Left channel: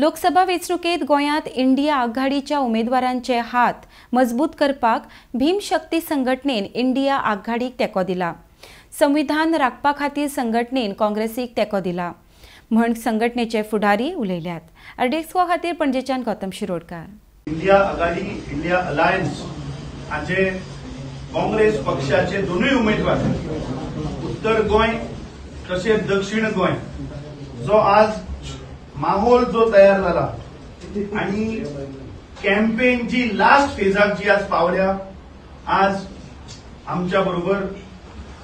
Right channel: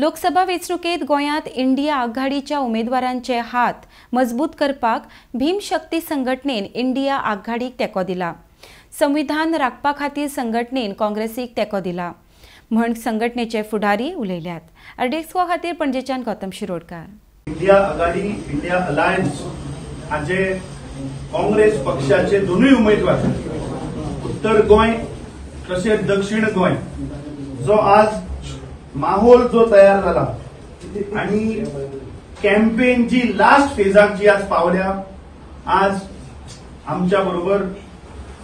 लोकसभा वेंचणुकेत गोंयांत इंडिया आघाडीच्या उमेदवारांचे हात मजबूत करपाक भीमशक्ती संघटनेन इंडिया आघाडीक तेंको दिला। संविधान राखपा खातीर संघटनेन काँग्रेसीक तेंको दिला म्हण संघटनेचे फुडारी उलयल्यात। अर्डेक्सवा खातीर पणजेच्यान गौतम शिरोडकार। इंडिया आघाडी इंडिया अलायन्स हाचे काँग्रेस पक्षाचे दोनूय उमेदवार उत्तर गोंय तशेंच दक्षिण गोंय जो आज माहोल जो तयार जाला आणि कॅम्पेनची लास्ट फेजाक जी आज पावल्या, आज आमच्या बरोबर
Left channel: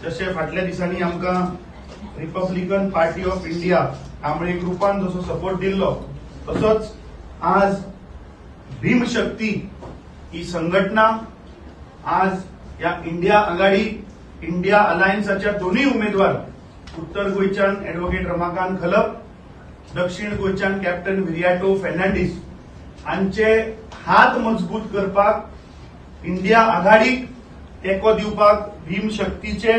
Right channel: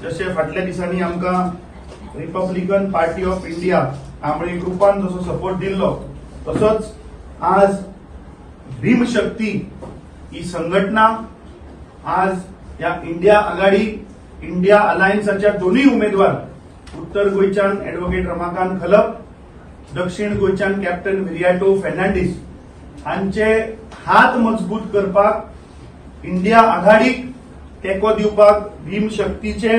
जसे फाटल्या दिसांनी आमकां Republican party of India Kamble ग्रुपान जसो सपोर्ट दिल्लो तसोच आज भीमशक्ती ही संघटना आज या इंडिया आघाडी इंडिया अलायन्सच्या दोन्ही उमेदवार उत्तर गोंयच्यान एडव्होकेट रमाकांत खलप, दक्षिण गोंयच्यान कॅप्टन विरियाटो फर्नांडीस हांचे हात मजबूत करपाक इंडिया आघाडीक तेंको दिवपाक भीमशक्तीचे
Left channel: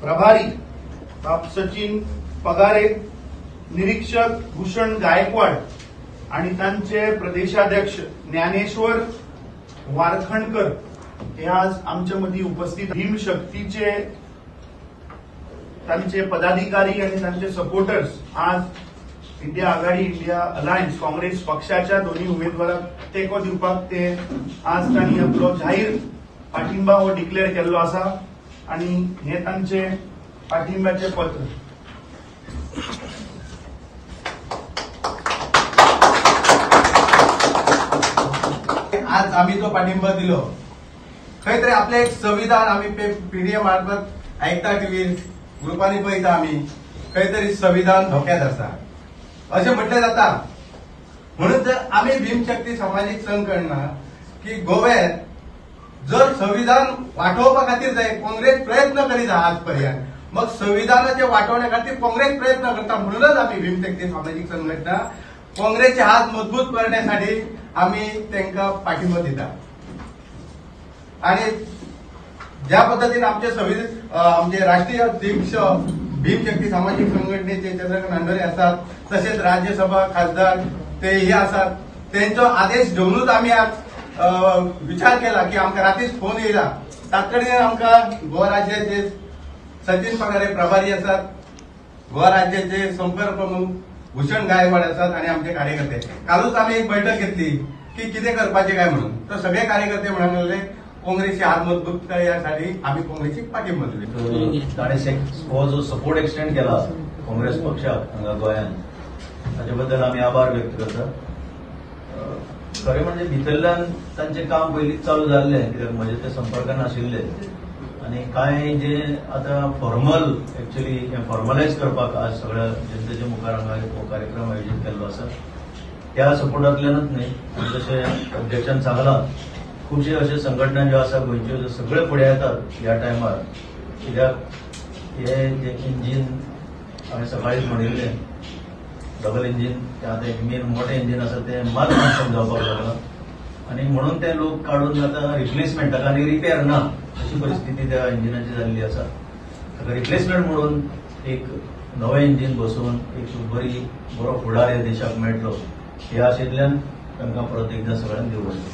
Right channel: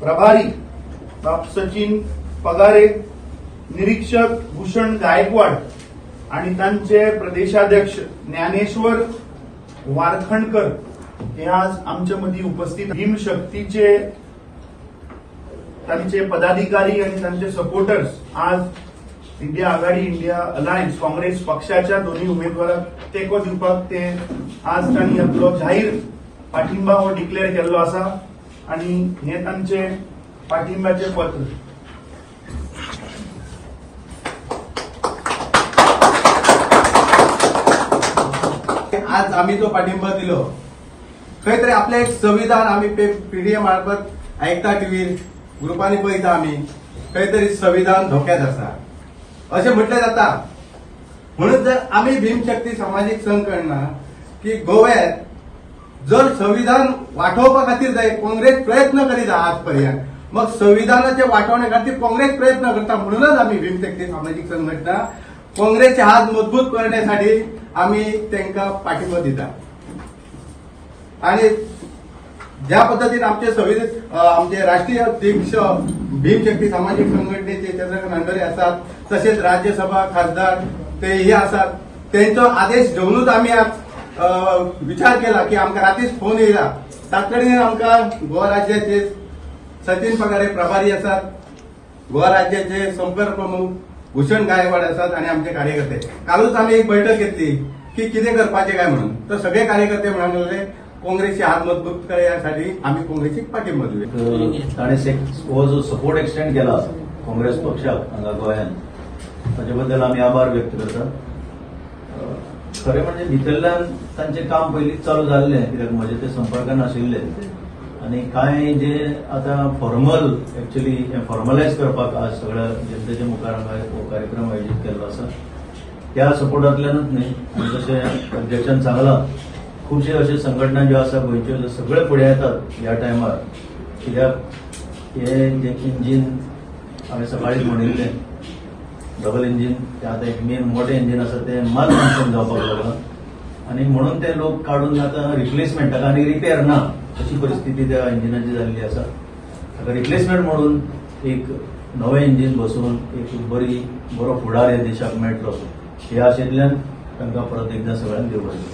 प्रभारी सचिन पगारे, निरीक्षक भूषण गायकवाड आणि तांचे प्रदेशाध्यक्ष ज्ञानेश्वर वारखणकर हे आज आमच्या मदीं उपस्थित। भीमशक्तीचे तांचे पदाधिकारी आणि तांचे सपोर्टर्स आज इंडिया आघाडी इंडिया अलायन्स काँग्रेस पक्षाच्या दोन्ही उमेदवारांक तेंको दिवपाक ते आज तांणी आपलो जाहीर पाठिंबा हो डिक्लेअर केल्लो आसा आणि हे तांचे पाठिंब्याचे पत्र। आज आम्ही जो पाठिंबा दिलो खंय तरी आपले एक संविधान आम्ही पीडीए मार्फत ऐकता टीव्हीर ग्रुपांनी पळयता आम्ही खंय तरी संविधान धोक्यात आसा अशें म्हटलें जाता। म्हणून जर आम्ही भीमशक्ती सामाजिक संघटना की गोव्यात जर संविधान वाटोवपा खातीर जाय काँग्रेस प्रयत्न करीत आहा आज पर्यंत, मग संविधानाचे वाटोवणे खातीर काँग्रेस प्रयत्न करता। म्हणूनच आम्ही भीमशक्ती सामाजिक संघटना काँग्रेसचे हात मजबूत करण्यासाठी आम्ही त्यांना पाठिंबा दिता। आणि ज्या पद्धतीने आमचे राष्ट्रीय अध्यक्ष भीमशक्ती सामाजिक संघटनेचे चंद्रकांत नांदरे असतात, तसेच राज्यसभा खासदार तेही असतात, त्यांचा आदेश घेऊनच आम्ही आज विचार केला की आमकां रातीच फोन येयला तातडीन आमकां गोवा राज्याचे सचिन पगारे प्रभारी असतात, गोवा राज्याचे संपर्क प्रमुख भूषण गायकवाड असतात आणि आमचे कार्यकर्ते। कालच आम्ही एक बैठक घेतली की कितें करपाचें काय म्हणून, तर सगळे कार्यकर्ते म्हणून लागले काँग्रेसचे हात मजबूत करण्यासाठी आम्ही काँग्रेसीक पाठिंबा दिलो। ताणें हो जो सपोर्ट एक्सटेंड केला काँग्रेस पक्षाक हांगा गोंयांत ताचे बद्दल आमी आभार व्यक्त करता। खरें म्हणजे भितरल्यान तांचें काम पयलींच चालू जाल्लें, कित्याक म्हजे ते संपर्कान आशिल्ले आणि कांय जे आतां फॉर्मल एक्चुअली हें फॉर्मलायज करपाक आज सगळ्या जनतेच्या मुखार हांगा हो कार्यक्रम आयोजीत केल्लो आसा त्या सपोर्टांतल्यानच न्ही। आनी जशें अध्यक्षान सांगलां खुबशे अशे संघटना ज्यो आसा गोंयच्यो जे सगळे फुडें येतात ह्या टायमार, कित्याक हे जे इंजीन हांवें सकाळींच म्हणिल्लें डबल इंजीन ते आतां एक मेन मोठें इंजीन आसा तें माल फंक्शन जावपाक लागलां आनी म्हणून ते लोक काडून आतां रिप्लेसमेंटाक आनी रिपेर ना अशी परिस्थिती त्या इंजिनाची जाल्ली आसा। ताका रिप्लेसमेंट म्हणून एक नवें इंजीन बसोवन एक बरो फुडार ह्या देशाक मेळटलो ह्या आशेंतल्यान तांकां परत एकदां सगळ्यांक देव बरें करूं।